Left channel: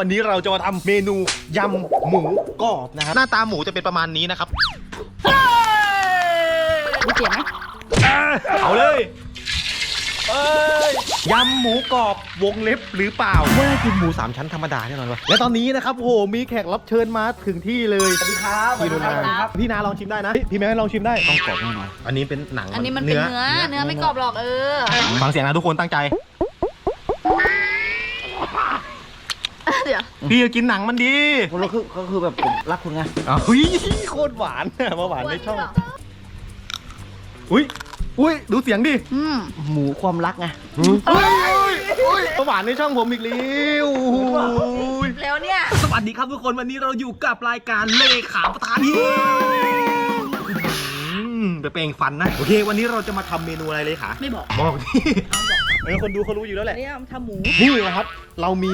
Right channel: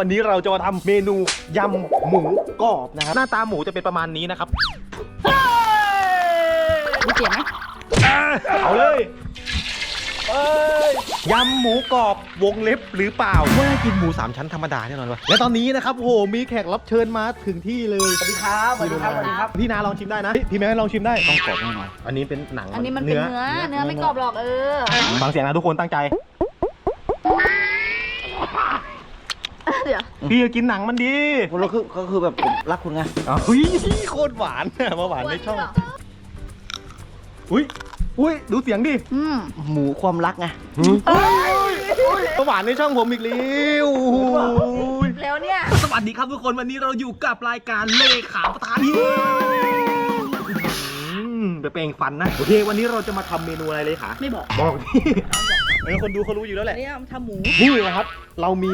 วันนี้เราจะมาทำเมนูยำหมูกรอบนะครับ หน้าตาหมูจะเป็นประมาณนี้นะครับมีเสียงไหมเอาเลยเอ้ยยำหมูกรอบวงเล็บหรือเปล่าว่ากินหมูสามชั้นธรรมดาแน่นอนวะและตอนนี้นะครับโอ้โหมีแขกรับเชิญมาถึงที่เลยสวัสดีครับสวัสดีครับสวัสดีครับ พี่นาลองชิมได้นะพี่พี่แม่ลองชิมได้ต้องกรอบแน่นอนอันนี้เป็นหนังอันนี้มันเป็นเนื้อ เนื้อไม่กรอบหรอกเออ ฟังเสียงนะทุกคนตั้งใจ เดี๋ยวพี่จะกินหนังมันดีคุณก็คือก็คือแบบผมรักคุณไงอ้าวเฮ้ยโคตรหวานมาหวานในช่อง อุ้ยอุ้ยดูเสียงดิอืมหมูความรักไงมาหวานในช่องผมอีกแล้วอุ้ยแล้วเนี่ย สวัสดีครับทุกคนวันนี้เราอยู่กับรายการเลขาประธานเฮ้ยไปเปลงฟันนะ โอเค วันนี้เราจะมาทำเมนูอะไรเลยคะไม่บอก บอกที่ เออคนดูเขารู้อยู่แล้วแหอันละนี้เราทำหมู นี่นะครับ เรามี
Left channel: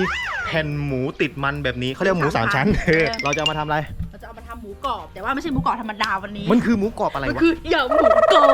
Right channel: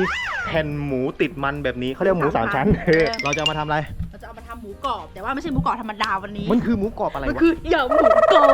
แผ่นหมูติดมันแบบนี้เขาเรียกหมูสามชั้นเออเราจะเอามาทำอะไร เราจะเอามาทำหมูกรอบ แต่ว่าไม่ใช่หมูกรอบธรรมดาวันนี้มันคือหมูกรอบอะไรมันวะ คือยำหมูกรอบ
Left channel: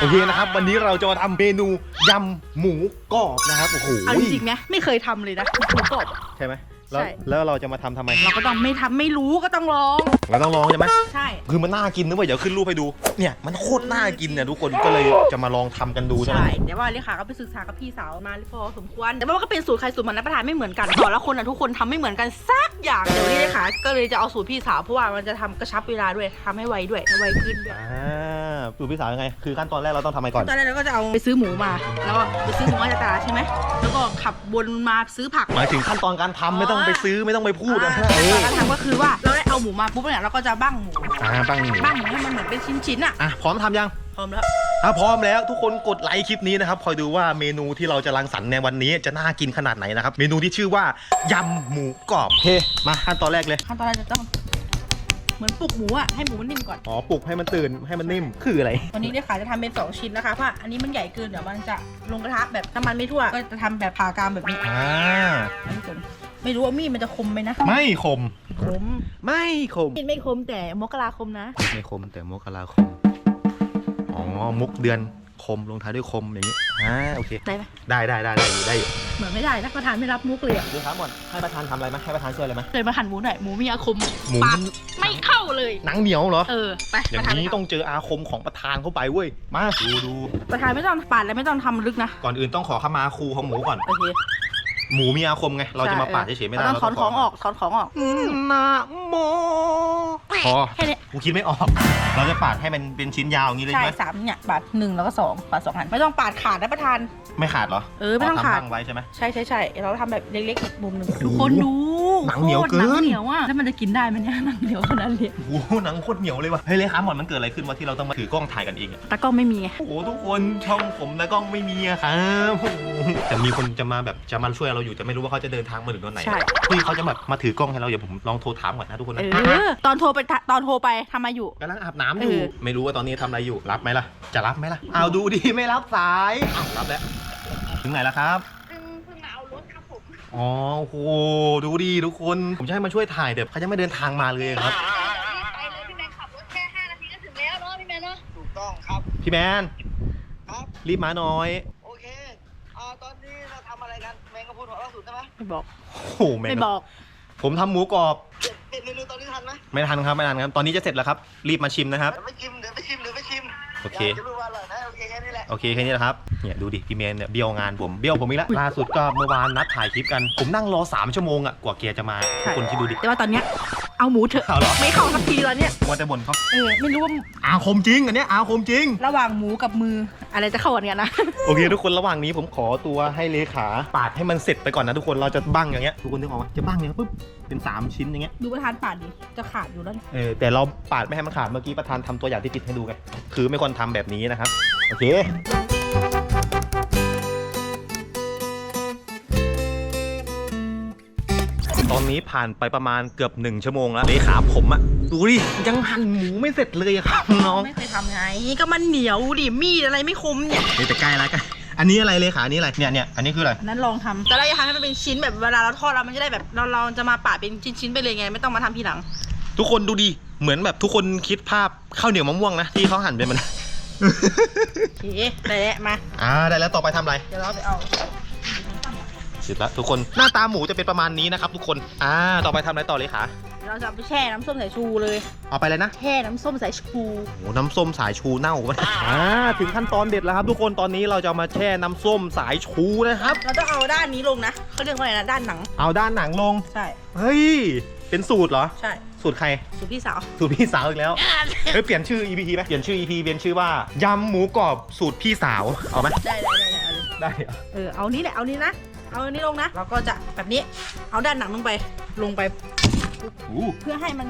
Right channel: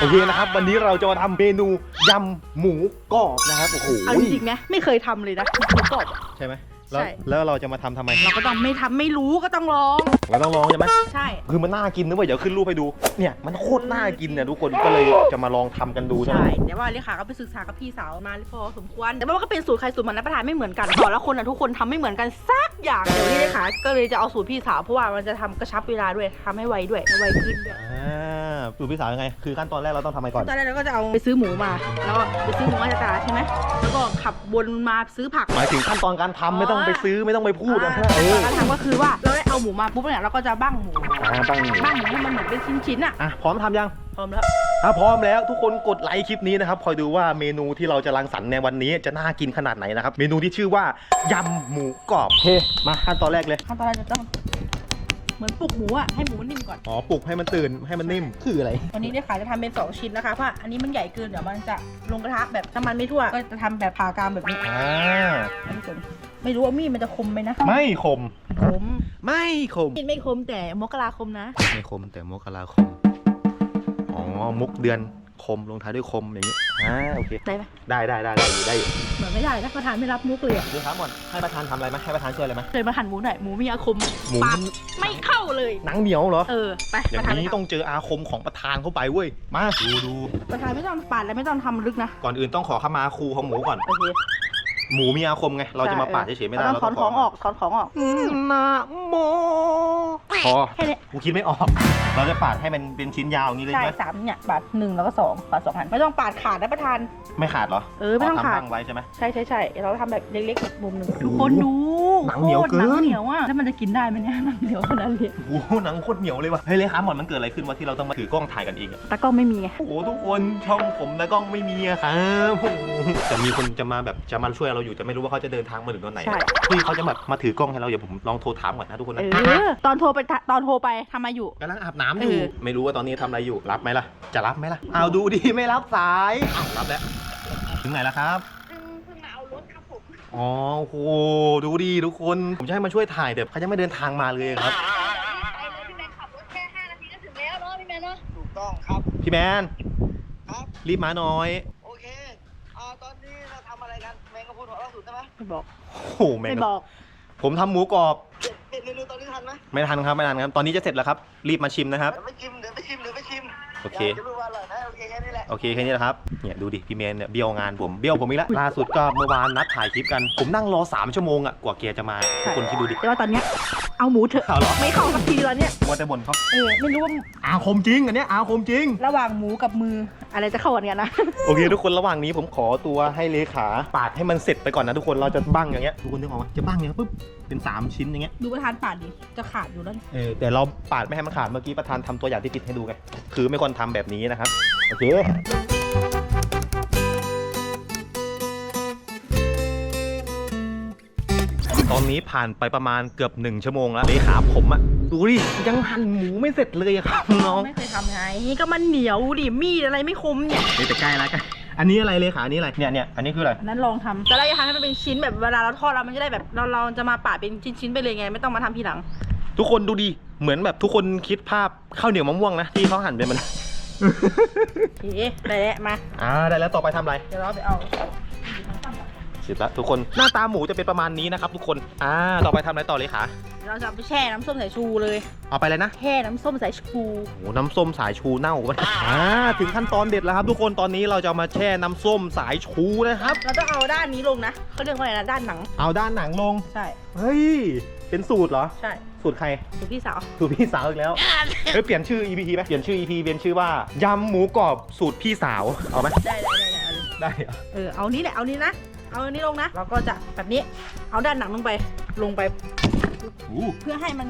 โอเคนะครับ วันนี้เราจะมาทำเมนูยำหมูกรอบนะครับ โอ้โหเอาจริงๆไหมไม่เคยทำเลยนะหมูกรอบอะใช่ไหม แล้วใช่ แล้วเราจะมาทำทำไมเราก็ต้องไม่ทำไม่รู้ก็ต้องลอง เราต้องลองใช่ไหมใช่ คือมันน่ากินนะเว้ยเดี๋ยวขึ้นรูปให้ดู เนี่ยมันโคตรน่ากินเนี่ยทุกคนก็เลยจะมาลองทำกันดูใช่ไหมใช่แต่ว่าเลขาก็ไปศึกษากับพี่สาวมาพอสมควร แต่ว่ามันก็เป็นสูตรใครสูตรมันรับประทานไม่เหมือนกันแต่ละคนอะทุกคนทำไม่เหมือนกันสักอย่างเดี๋ยวนี้เลขาก็เลยจะเอาสูตรพี่สาวเพราะว่ามันจะทำกระชับเวลาด้วยทำให้ไวด้วยไวขึ้นด้วย อ่า สูตรพี่สาวยังไง คือขั้นตอนแรกเราต้องทำอะไรก่อน ตอนแรกเราก็จะเอาไปซื้อหมูมา แล้วก็ไปซื้อหมูมาจากตลาดใช่ไหมแล้วก็ขับวนมาซื้อผัก หมายถึงขั้นตอนการทำไม่ต้องไปซื้อไม่ต้องไปพูดนะอ่าเออขั้นตอนการทำก็คือว่าเราได้เอาหมูมาปุ๊บเนี่ยเราก็จะบ้างหมูอ่าบ้างหมูบ้างหมูให้มันเหมือนเป็นชิ้นๆอะอะพร้อมทำยังพร้อมแล้วถ้าพร้อมแล้วทุกคนกดไลค์คลิปนี้นะครับคอยดูว่าเมนูที่เราจะรังสรรค์ในวันนี้จะน่ากินขนาดไหนนะครับเมนูที่ชื่อว่ายำหมูกรอบเฮ้มาขั้นตอนแรกเลยขั้นตอนแรกจะต้อง เหมือนปลุกหมูอะให้หมูมันนิ่มก่อน อ๋อปลุกให้มันตื่นให้มันนิ่มคืออะไร วันนี้เนี่ยค่ะจะทำเป็น 2 ชิ้นนะคะเพราะอันนี้มันใหญ่เกินเดี๋ยวมันจะลงกระทะแบบน้ำมันไม่ทั่ว ก็จะทำแบบผ่ากรามแบบนี้อ่าท่านผู้ชมไม่รู้ว่ามีดมันจะคมไหมนะไม่คมคมไม่คมมีดไม่คมแต่มกราคมนะ ไม่คมแต่มกราคม อ๋อ มุกเดือน คมลงท้ายด้วยคมอย่างนี้อ่าโอเค ได้ไหมได้ได้ได้ได้ได้อยู่เหมือนไม่ได้นะประธานไม่รับมุกเลยอะดูครับหมดให้ประธานทำอะไรไหมให้ประธานช่วยอะไรไหมเคยมาหั่นหมูหน่อยหมูมีอาคมหมูปาดไม่เข้าเลย หนังเหนียวเหรอ เออไปอย่าประธานงนี้ต้องเจออาคมของประธานเข้าไปเว้ย มาดูดูประธานไม่ต้องปาดแล้วไม่ต้องทำลึกนะก่อนอื่นต้องขอขมาครูของหมูก่อนโอเค หมูมีอาคมไง เราจะมาปาดเฉยๆไม่ได้เราเราต้องถต้ออนงของออกถอนของออกนะโมพอแค่เนี้ยกูคิดไม่ออก เราจะปาดให้มันเป็นชิ้นยาวอย่างนี้เลยใช่ใช่ไหมสามเนี่ยปาดหนึ่งแล้วก็สองปาดสองหันไม่ต้องปาดขาดนะประธาน ไม่ขาดเหรอ เออไม่ต้องทำขาดบ้างไว้ใช่ไหมใช่ใช่ใช่เราทำแบบเล็กๆแบบมุมหนึ่งโอ้โหทุกคนดูหนังเหนียวเกินโคตรหนังเหนียวอะแล้วมันจะกินได้ไหมเนี่ยหนังเหนียวขนาดนี้โอ้โหหนังโคตรเหนียวเลยว่ะเฮ้ยเลยครับหมอนมันเกิดอะไรขึ้นวะที่เราต้องมาถือกล้องถ่ายกันเองอะตากล้องไม่มีไงโอ้โหทุกคนช่องผมนะกล้องไม่มีอะครับโอ้โหแต่มีคนจะมาแบบจะมาช่วยเราอยู่แต่ไม่รู้ว่าเขาจะเดินทางมาถึงตอนไหนใช่ พี่เขาจะแบบมาถือกล้องให้เราเดี๋ยวผมลองโทรถามก่อนนะทุกคนเอนะอตอนโทรไปตอนโทรไปทำมาอยู่ กำลังอาบน้ำอยู่ เออ ไม่รู้ว่าตอนนี้ทำอะไรอยู่รับไหมล่ะ จะรับไหมล่ะเอาดูดีไม่รับสายอ้าวรับแล้วถึงไหนแล้วครับเพิ่งเพิ่งมาเอารถครับผมอ๋อโอ้โหดูดีทุกคน ผมจะให้มาช่วยถ่ายแต่เขายังไม่เดินทางมาเลยครับ ไปเลยพี่แมนขับรถแค่5นาทีก็ถึงแล้วเนาะพี่แมนเนาะถูกต้องครับ พี่แมนครับ รีบมาหน่อย ไหมไม่บอกโอ้โหแมงไม่บอก ผมทำหมูกรอบเด็ดเด็ดเมนูตอนนี้ทันไหมไม่ทันครับไม่ทันครับ ตอนนี้จะเสร็จแล้วครับ รีบมาชิมนะครับ เดี๋ยวไปชิมเดี๋ยวไปชิมเดี๋ยวไปชิมโอเค ยากจะรู้ว่าอร่อยนะโอเคแค่นี้แหละ โอเคแค่นี้แหละครับ เนี่ยดูดิพี่เมนเนี่ยเบี้ยวงานผมเบี้ยวผมอีกแล้วล่าสุดก็เมื่อวานนัดถ่ายคลิปกัน ผมนั่งรอ 3 ชั่วโมงอะกว่าแกจะมาทุกคนคิดดูดิ แต่ว่าตอนเนี้ย เอาหมูเถอะเอาเหรอ ไม่เข้ากับทีตอนเนี้ยว่าแต่บ่นเขาเออไม่รู้ว่าอาคมจริงอันเนี้ยอาคมจริง ระหว่างหมูกับมืออะไรจะเข้ากันกันนะโอเค ทุกคนระหว่างนี้ผมขอตัวให้เลขาปาดให้มันเสร็จไปก่อนนะทุกคนเราจะบั้งอย่างเงี้ยทุกคนนึกออกไหมจะบั้งอย่างเงี้ยปุ๊บเป็นสามชิ้นอย่างเงี้ยดูประธานปาดดิจะขาดอยู่แล้วเนี่ยเออแต่เราปาดไม่ให้มันขาดเมื่อกี้ประธานทำตัวอย่างที่ผิดให้ดูไงคือไม่ควรทำแบบนี้นะครับโอเค ตอนนี้ผ่านไปประมาณเกือบหนึ่งชั่วโมงแล้วเลขาผมอะดูดิยังหั่นหมูไม่เสร็จเลยอะครับน้องไม่เคยทำไงก็มันเหนียวดิมีดอะไรไม่คมเนี่ยนี่แต่ใกล้แล้วกันอันนี้อะไรเลขาอันนี้อะไรเนี่ยเนี่ยอันนี้คืออะไรอันนั้นลองทำแต่เราจะทำให้มันเป็นชิ้นแบบเวลาเราทอดแล้วมันจะได้แบบเราเราจะมาปาดเป็นชิ้นๆไปเลยไง ไม่ต้องมาทำทีหลัง ทุกคนดูดิเหมือนแบบทุกคนคิดภาพข้าวเหนียวมะม่วงนะที่เขาหั่นเป็นมันโอเคได้แล้วมาอ่าได้แล้วต่อไปทำอะไร เดี๋ยวเราไปเอา เสร็จแล้วทุกคนหน้าตาหมูจะเป็นประมาณนี้นะครับทุกคนอ่าต่อไปทำอะไรต่อเลยคะเราจะเอาไปแช่น้ำส้มสายชูเลย เอาไปเลยนะแช่น้ำส้มสายชูโอ้น้ำส้มสายชูเน่าปะอ่าถึงขั้นตอนเด็ดแล้วครับ ทุกคนตอนนี้เราจะเอามาแช่น้ำส้มสายชูนะครับ เราต้องเอาด้านนี้ลงนะเขาเรียกว่าอะไรนะด้านหนัง เอาด้านหนังลงใช่ เฮ้ยเป็นสูตรเหรอ ใช่สูตรใครสูตรพี่สาวสูตรพี่สาวอีกแล้วเฮ้ยเปลี่ยนชื่อ EP ไหมเปลี่ยนชื่อ EP เปลี่ยนชื่อว่ายำหมูกรอบสูตรพี่สาวเอาไหมได้ได้ได้ได้เอาเลยได้เหรอเออเอานี้แหละเอานี้นะ เอาอันนี้ลงนะ เราก็จะแบบนี้ เอาด้านหนังลงไป ลงไป อู้เพื่อให้มัน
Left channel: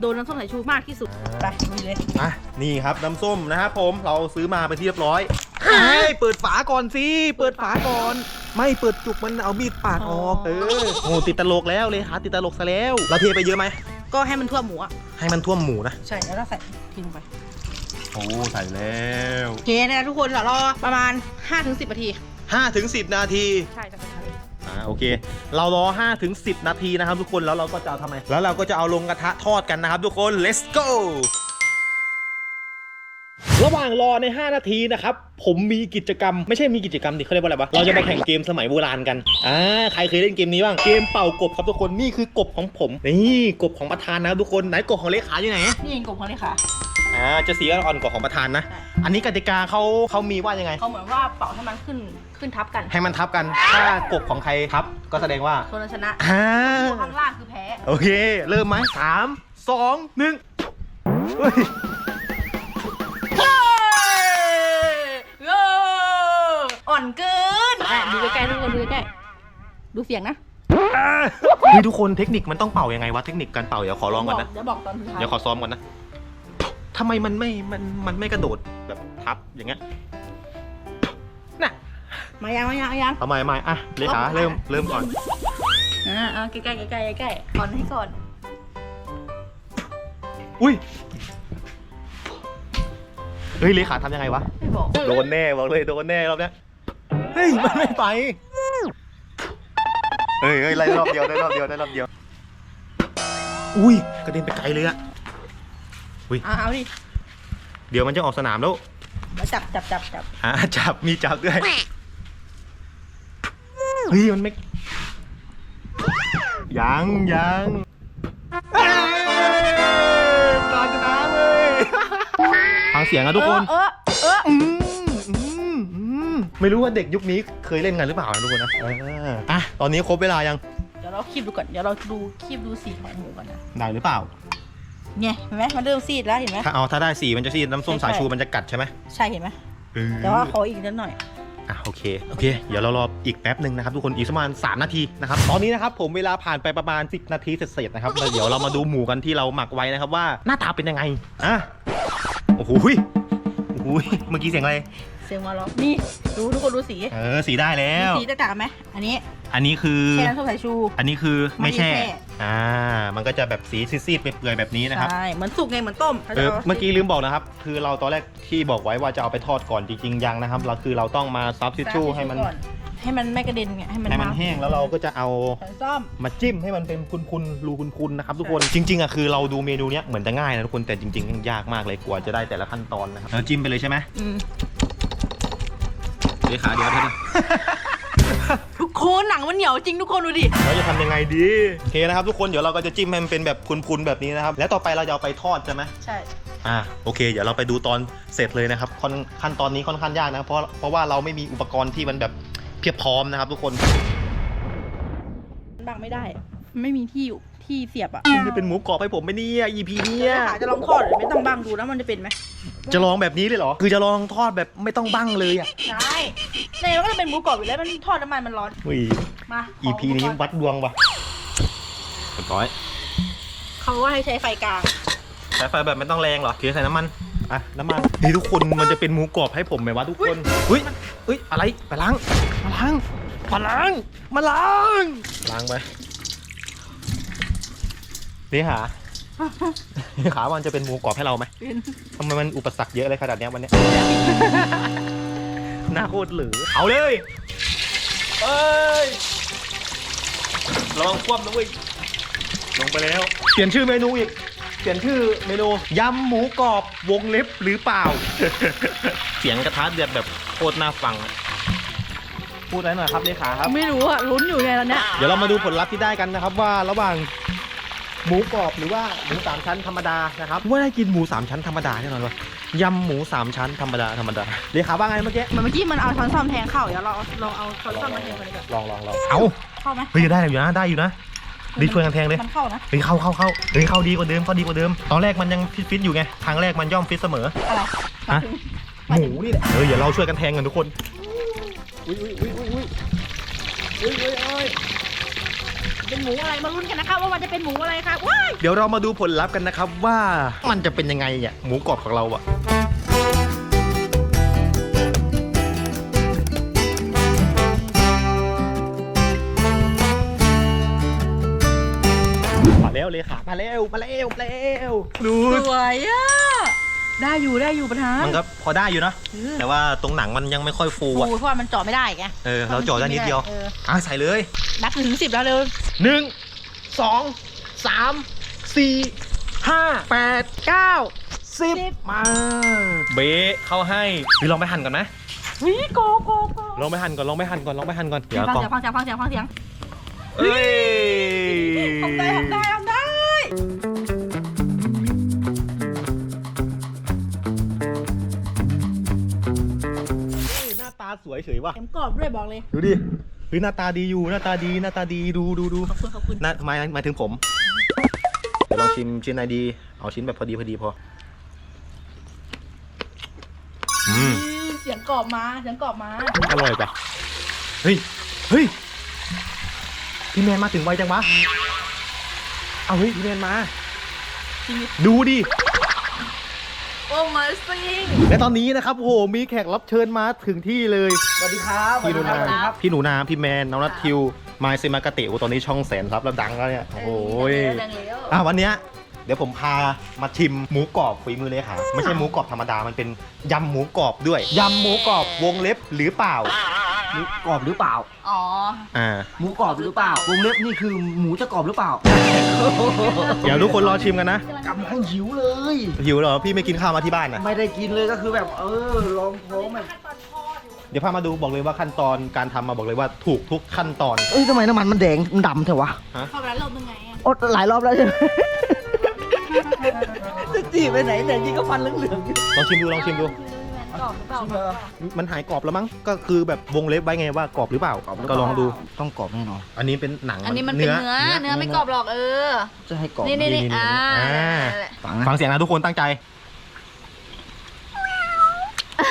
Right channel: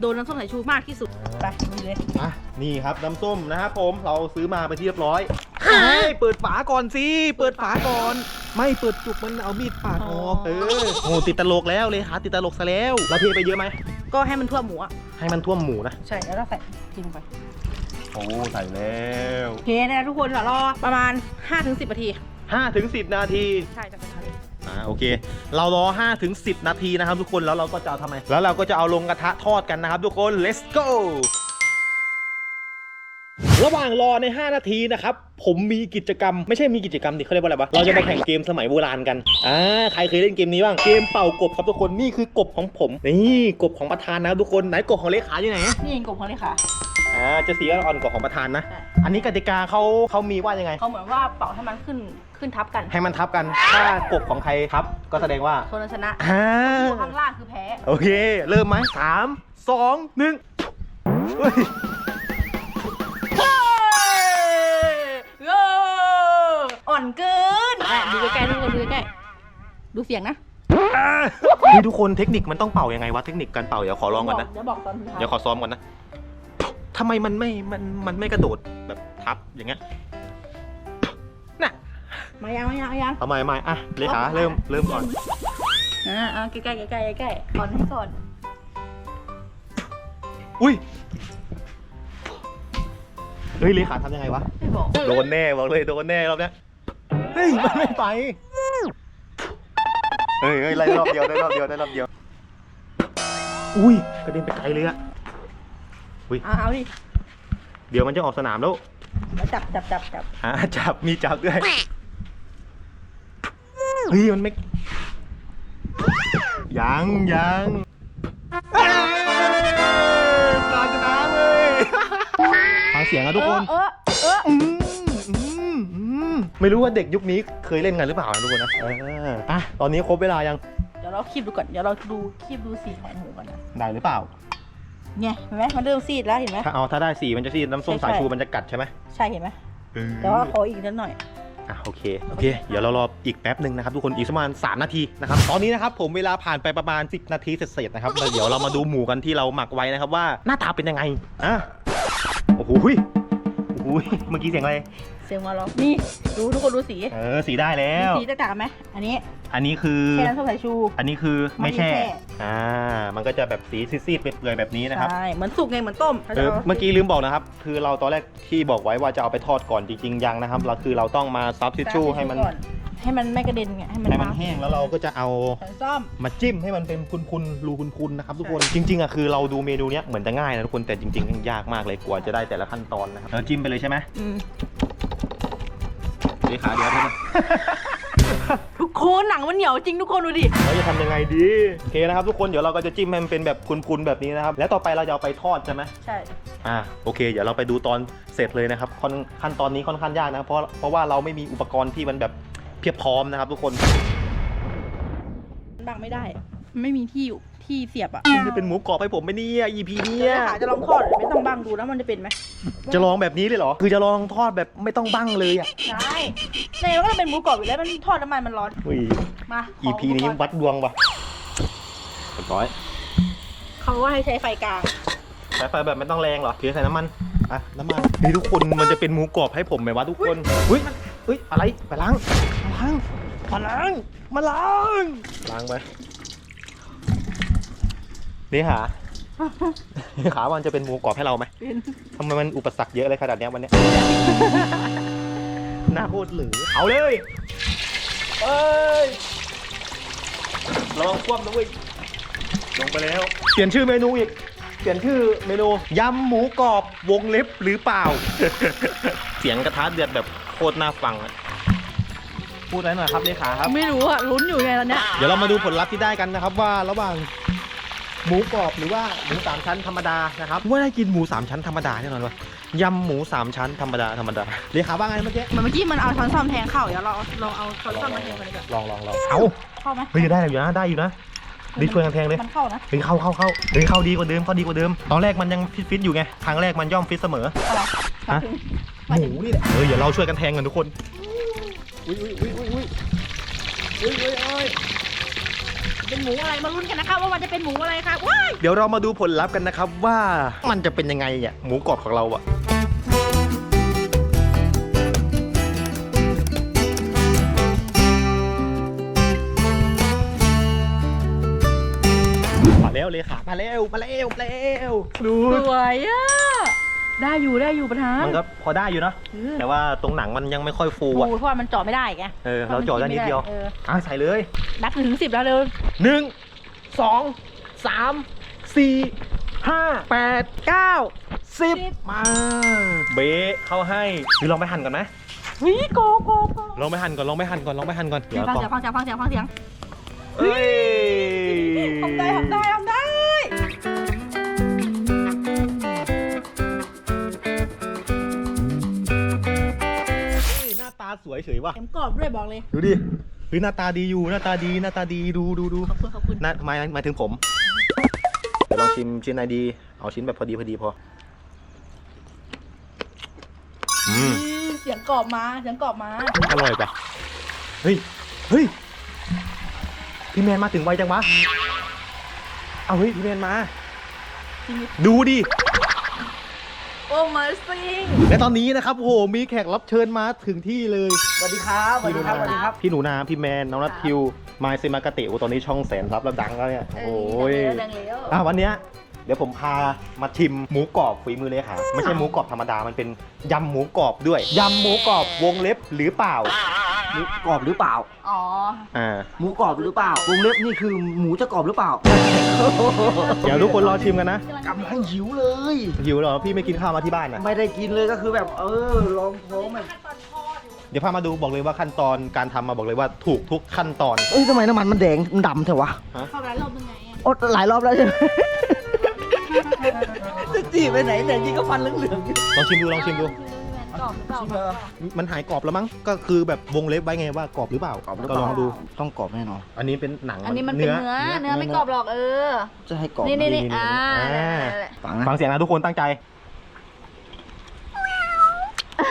โดนน้ำส้มสายชูมากที่สุด ไปนี่เลย อะนี่ครับน้ำส้มนะครับผมเราซื้อมาไปนที่เรียบร้อย เฮ้ยเปิดฝาก่อนสิ เปิดฝาก่อน ไม่เปิดจุกมันเอามีดปาดออกเออโอ้ติดตลกแล้วเลยหาติดตลกซะแล้วเราเทไปเยอะไหม ก็ให้มันทั่วหมูอะให้มันท่วมหมูนะ ใช่ แล้วเราใส่ทิ้งไป โอ้ใส่แล้ว โอเคนะทุกคนเดี๋ยวรอประมาณ 5-10นาที 5ถึง10 นาที ใช่จะกระทะเลยอ่าโอเค เรารอ5ถึง10 นาทีนะครับทุกคนแล้วเราก็จะเอาทำไม แล้วเราก็จะเอาลงกระทะทอดกันนะครับทุกคน let's go ระหว่างรอใน 5 นาทีนะครับ ผมมีกิจกรรม ไม่ใช่มีกิจกรรมดิเขาเรียกว่าอะไรวะเราจะมาแข่งเกมสมัยโบราณกันอ่าใครเคยเล่นเกมนี้บ้างเกมเป่ากบครับทุกคนนี่คือกบของผมนี่กบของประธานนะครับทุกคนไหนกบของเลขาอยู่ไหนนี่เองกบเขาเลยค่ะอ่าจะสีอ่อนๆกว่าของประธานนะใช่อันนี้กติกาเขาเขามีว่ายังไงเขาเหมือนว่าเป่าให้มันขึ้นขึ้นทับกัน ให้มันทับกัน ถ้ากบของใครทับก็แสดงว่าคนนั้นชนะอ่าตัวข้างล่างคือแพ้ โอเค เริ่มไหมสามสองหนึ่ง เกินอะดูใกล้ๆทุกคนดูใกล้ๆดูเสียงนะนี่ทุกคนเทคนิคมันต้องเป่ายังไงวะเทคนิคการเป่าเดี๋ยวขอลองก่อนนะเดี๋ยวบอกตอนสุดท้ายเดี๋ยวขอซ้อมก่อนนะทำไมมันไม่มันมันไม่กระโดดแบบทับอย่างเงี้ยน่ะมายังมายังมายังเอาใหม่ใหม่อะเลขาเริ่มเริ่มก่อนอ่าอ่าใกล้ๆใกล้ๆใกล้ๆใกล้ๆก่อนให้ก่อน อุ้ยเฮ้ยเลขาทำยังไงวะไม่บอก โดนแน่บอกเลยโดนแน่รอบเนี้ย เฮ้ยมันไม่ไป เฮ้ยเฮ้ยไล่รอบเดียวได้รอบเดียวได้รอบเดียว อุ้ยกระเด็นไปไกลเลยอะอ่าเอาดิเดี๋ยวมันจะออกสนามแล้วมาจับจับจับจับอ่าจับมีจับด้วยเฮ้ยมันไม่ยังยังเอ้ยตาชนะเลยฟังเสียงอะทุกคนเออเอออืมอืมอืม ไม่รู้ว่าเด็กยุคนี้เคยเล่นกันหรือเปล่านะทุกคนนะเอออะตอนนี้ครบเวลายังเดี๋ยวเราคีบดูก่อน เดี๋ยวเราดูคีบดูสีของหมูก่อนนะได้หรือเปล่า เนี่ยเห็นไหมมันเริ่มซีดแล้วเห็นไหม ถ้าเอาถ้าได้สีมันจะสีน้ำส้มใช่สายใช่ชูมันจะกัดใช่ไหมใช่เห็นไหม เออแต่ว่าขออีกนิดหน่อย อะโอเคโอเค เดี๋ยวเรารออีกแป๊บหนึ่งนะครับทุกคนอีกประมาณ3นาทีนะครับตอนนี้นะครับผมเวลาผ่านไปประมาณ 10 นาทีเสร็จๆนะครับแล้วเดี๋ยวเรามาดูหมูกันที่เราหมักไว้นะครับว่าหน้าตาเป็นยังไงอะโอ้โหยโอ้โหยเมื่อกี้เสียงอะไร เสียงมาล็อกนี่ดูทุกคนดูสีเออสีได้แล้วสีแตกต่างไหมอันนี้อันนี้คือแช่น้ำส้มสายชู อันนี้คือไม่แช่ ไม่แช่ อ่า มันก็จะแบบสีซีดๆเปื่อยๆแบบนี้นะครับ ใช่เหมือนสุกไงเหมือนต้มเออเมื่อกี้ลืมบอกนะครับ คือเราตอนแรกที่บอกไว้ว่าจะเอาไปทอดก่อนจริงๆยังนะครับ เราคือเราต้องมาซับทิชชู่ให้มันก่อนให้มันไม่กระเด็นไงให้มันให้มันแห้งแล้วเราก็จะเอาใส่ซ่อม มาจิ้มให้มันเป็นคุณๆรูคุณๆนะครับทุกคนจริงๆอะคือเราดูเมนูเนี้ยเหมือนจะง่ายนะทุกคนแต่จริงๆยากมากเลยกว่าจะได้แต่ละขั้นตอนนะครับเราจิ้มไปเลยใช่ไหมอืม เลขาเดี๋ยวเดี๋ยวทุกคนหนังมันเหนียวจริงทุกคนดูดิ เราจะทำยังไงดีโอเคนะครับทุกคนเดี๋ยวเราก็จะจิ้มให้มันเป็นแบบคุณๆแบบนี้นะครับ แล้วต่อไปเราจะเอาไปทอดใช่ไหมใช่ อ่าโอเค เดี๋ยวเราไปดูตอนเสร็จเลยนะครับค่อนขั้นตอนนี้ค่อนข้างยากนะเพราะเพราะว่าเราไม่มีอุปกรณ์ที่มันแบบเพียบพร้อมนะครับ ทุกคน บังไม่ได้ ไม่มีที่อยู่ ที่เสียบอะคุณจะเป็นหมูกรอบให้ผมไหมเนี่ย EP เนี้เดี๋ยยวหาจะลองทอดหรือไม่ต้องบังดูนะมันจะเป็นไหมจะลองแบบนี้เลยเหรอ คือจะลองทอดแบบไม่ต้องบั้งเลยอะใช่ในมันก็จะเป็นหมูกรอบอยู่แล้วมันทอดน้ำมันมันร้อนอุ้ย มา EP นี้วัดดวงว่ะเรียบร้อยเขาว่าให้ใช้ไฟกลางใช้ไฟแบบไม่ต้องแรงเหรอเทใส่น้ำมันอะน้ำมันนี่ทุกคนมันจะเป็นหมูกรอบให้ผมไหมวะทุกคนเฮ้ยเฮ้ยอะไรไปล้างมาล้างมาล้างมาล้างล้างไป นี่หานี่ขามันจะเป็นหมูกรอบให้เราไหมเป็นทำไมมันอุปสรรคเยอะเลยขนาดเนี้ยวันเนี้ยหน้าโคตรเหลือเอาเลยเอ้ยลองคว่ำนะเว้ยลงไปแล้ว เปลี่ยนชื่อเมนูอีก เปลี่ยนชื่อเมนูยำหมูกรอบวงเล็บหรือเปล่า เสียงกระทะเดือดแบบโคตรน่าฟังอะพูดอะไรหน่อยครับเลขาครับ ไม่รู้อะลุ้นอยู่ไงตอนเนี้ย เดี๋ยวเรามาดูผลลัพธ์ที่ได้กันนะครับว่าระหว่าง หมูกรอบหรือว่าหมูสามชั้นธรรมดานะครับว่าได้กินหมูสามชั้นธรรมดาแน่นอนว่ายำหมูสามชั้นธรรมดาธรรมดาเลขาว่าไงเมื่อกี้เหมือนเมื่อกี้มันเอาช้อนซ่อมแทงเข่าเดี๋ยวเราลองเอาช้อนซ่อมมาแทงกันดีกว่าลองลองลองเอาเข้าไหมเฮ้ยได้อยู่นะได้อยู่นะดีช่วยกันแทงเลยมันเข้านะเฮ้ยเข้าเข้าเข้าเฮ้ยเข้าดีกว่าเดิมเข้าดีกว่าเดิม ตอนแรกมันยังฟิตฟิตอยู่ไงครั้งแรกมันย่อมฟิตเสมออะไรฮะหมูนี่แหละเออเดี๋ยวเราช่วยกันแทงกันทุกคนอุ้ยอุ้ยอุ้ยอุ้ยอุ้ยอุ้ย เป็นหมูอะไรมาลุ้นกันนะคะว่ามันจะเป็นหมูอะไรคะว้ายเดี๋ยวเรามาดูผลลัพธ์กันนะครับว่ามันจะเป็นยังไงอะหมูกรอบของเราอะมาแล้วเลยค่ะมาแล้วมาแล้วมาแล้วดู สวยอะ ได้อยู่ได้อยู่ประธานมันก็พอได้อยู่นะเออแต่ว่าตรงหนังมันยังไม่ค่อยฟูโอ้อะยเพราะว่ามันเจาะไม่ได้ไงเออเราเจาะได้นิดเดียวอออะใส่เลยนับถึงสิบแล้วเร็วหนึ่งสองสามสี่ห้าแปดเก้าสิบสิบมาเบะเข้าให้พี่ลองไปหั่นก่อนไหมวิโกโกโกลองไปหั่นก่อนลองไปหั่นก่อนลองไปหั่นก่อนเดี๋ยวฟังก่อนเสียงฟังเสียงฟังเสียงฟังเสียงเอ้ย ทำได้ทำได้ทำาตาสวยเฉยว่ะเข็มกรอบด้วยบอกเลย ดูดิเฮ้ยหน้าตาดีอยู่หน้าตาดีหน้าตาดีดูดูดูขอบคุณขอบคุณหน้าหมายหมายถึงผม เดี๋ยวลองชิมชิ้นไหนดี เอาชิ้นแบบพอดีพอดีพอ อืมเสียงกรอบมาเสียงกรอบมาอร่อยปะเฮ้ยเฮ้ยพี่แมนมาถึงไวจังวะ เอาเฮ้ยพี่แมนมาจริงดูดิ โอ้มาซิงและตอนนี้นะครับโอ้โหมีแขกรับเชิญมาถึงที่เลย สวัสดีครับสวัสพี่หดีนูครับนาสวัสดีครับ พี่หนูนาพี่แมนน้องนัททิวมายเซมากาเตะโอ้ตอนนี้ช่องแสนรับแล้วดังแล้วเนี่ยโอ้ยดังแล้วอะวันเนี้ยเดี๋ยวผมพามาชิมหมูกรอบฝีมือเลยค่ะไม่ใช่หมูกรอบธรรมดามันเป็นยำหมูกรอบด้วยยำหมูกรอบวงเล็บหรือเปล่าห มูกรอบหรือเปล่า อ๋อ อ่า หมูกรอบหรือเปล่าวงเล็บนี่คือหมูจะกรอบหรือเปล่าเดี๋ยวทุกคนรอชิมกันนะ กำลังหิวเลย หิวเหรอ พี่ไม่กินข้าวมาที่บ้านนะไม่ได้กินเลยก็คือแบบ เออลองท้องแบบเดี๋ยวพามาดูบอกเลยว่าขั้นตอนการทำมาบอกเลยว่าถูกทุกขั้นตอน เอ้ยทำไมน้ำมันมันแดงมันดำเถอะวะเข้าไปแล้วรอบนึงไงอะโอ้หลายรอบแล้วใช่ไหมจะจีบไปไหนแต่จริงก็ฟันเหลืองๆอยู่ลองชิมดูลองชิมดู กรอบหรือเปล่ามันหายกรอบแล้วมั้ง ก็คือแบบวงเล็บไว้ไงว่ากรอบหรือเปล่าก็ลองดู ต้องกรอบแน่นอน อันนี้เป็นหนังอันนี้มันเป็นเนื้อ เนื้อไม่กรอบหรอกเออ จะให้กรอบนี่นี่นี่นี่อ่าอ่านั่นแหละฟังนะฟังเสียงนะทุกคนตั้งใจ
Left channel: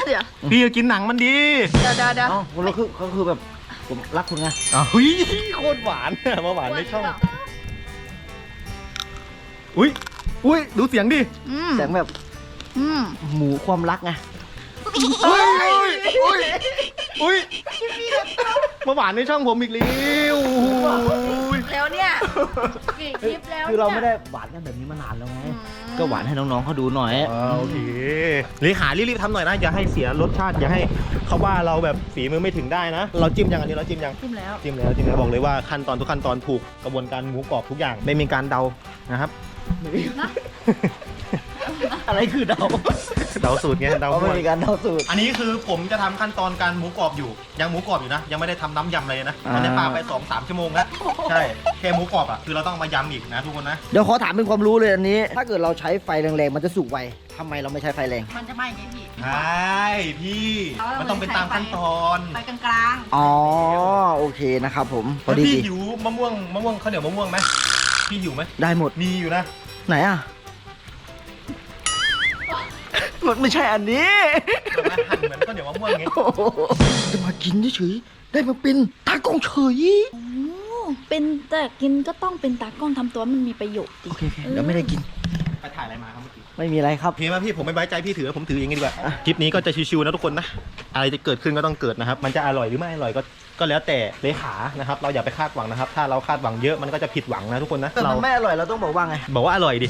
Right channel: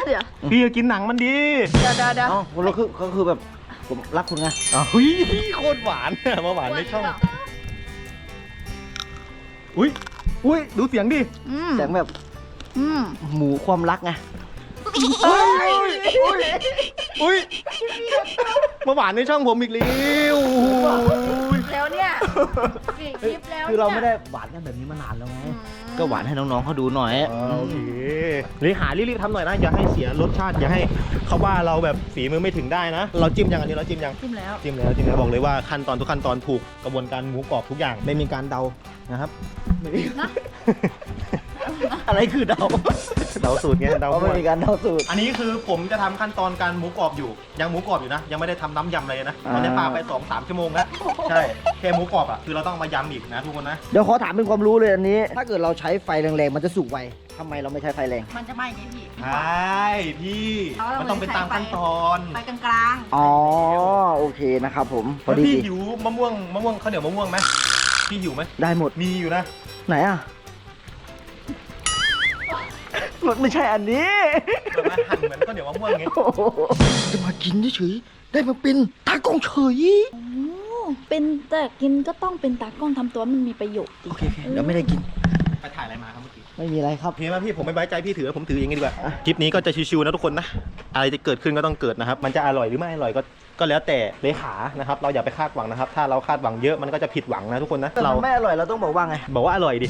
เดี๋ยวพี่จะกินหนังมันดีเดี๋ยวเดี๋ยวเดี๋ยวเอ้าก็คือก็คือแบบผมรักคุณไงอะเฮ้ยโคตรหวานมาหวานในช่อง อุ้ยอุ้ยดูเสียงดิ อืม แสงแบบอืมหมูความรักไง อุ้ยอุ้ยอุ้ยมาหวานในช่องผมอีกแล้วแล้วเนี่ยกี่คลิปแล้วคือเราไม่ได้หวานกันแบบนี้มานานแล้วไงอืมก็หวานให้น้องๆเขาดูหน่อยโอเคเลขารีบๆทำหน่อยนะ อย่าให้เสียรสชาติ อย่าให้เขาว่าเราแบบฝีมือไม่ถึงได้นะ เราจิ้มยังอันนี้เราจิ้มยัง จิ้มแล้ว จิ้มแล้วจิ้มแล้วบอกเลยว่าขั้นตอนทุกขั้นตอนถูกกระบวนการหมูกรอบทุกอย่าง ไม่มีการเดานะครับนะ อะไรคือเดาเดาสูตรไงเดาเพราะมั่ไม่วมีการเดาสูตร อันนี้คือผมจะทำขั้นตอนการหมูกรอบอยู่ ยังหมูกรอบอยู่นะ ยังไม่ได้ทำน้ำยำอะไรนะอ่า ตอนนี้ปาไป2อสามชั่วโมงแล้ว ใช่แค่หมูกรอบอะคือเราต้องมายำอีกนะทุกคนนะ เดี๋ยวขอถามเป็นความรู้เลยอันนี้ ถ้าเกิดเราใช้ไฟแรงๆ มันจะสุกไวทำไมเราไม่ใช้ไฟแรง มันจะไหม้ไงพี่ ใช่พี่มันต้องเป็นตามขั้นตอนไปกลางอ๋อ โอเคนะครับผม พอแล้วดีพี่หิวมะม่วงมะม่วงข้าวเหนียวมะม่วงไหมพี่หิวไหมได้หมด มีอยู่นะ ไหนอะ มันไม่ใช่อันนี้แบบว่าหั่นเหมือนข้าวเหนียวมะม่วงไงโอ้โหจะมากินเฉยๆได้มาเป็นตากล้องเฉยโอ้เป็นแต่กินก็ต้องเป็นตากล้องทำตัวมันมีประโยชน์ดีโอเคโอเคเดี๋ยวไม่ได้กินไปถ่ายอะไรมาครับเมื่อกี้ไม่มีอะไรครับโอเคไหมพี่ผมไม่ไว้ใจพี่ถือผมถือเองดีกว่าคลิปนี้ก็จะชิวๆนะทุกคนนะอะไรจะเกิดขึ้นก็ต้องเกิดนะครับ มันจะอร่อยหรือไม่อร่อยก็ก็แล้วแต่เลขานะครับ เราอย่าไปคาดหวังนะครับ ถ้าเราคาดหวังเยอะมันก็จะผิดหวังนะทุกคนนะแต่เรามันไม่อร่อยเราต้องบอกว่าไงบอกว่าอร่อยดิ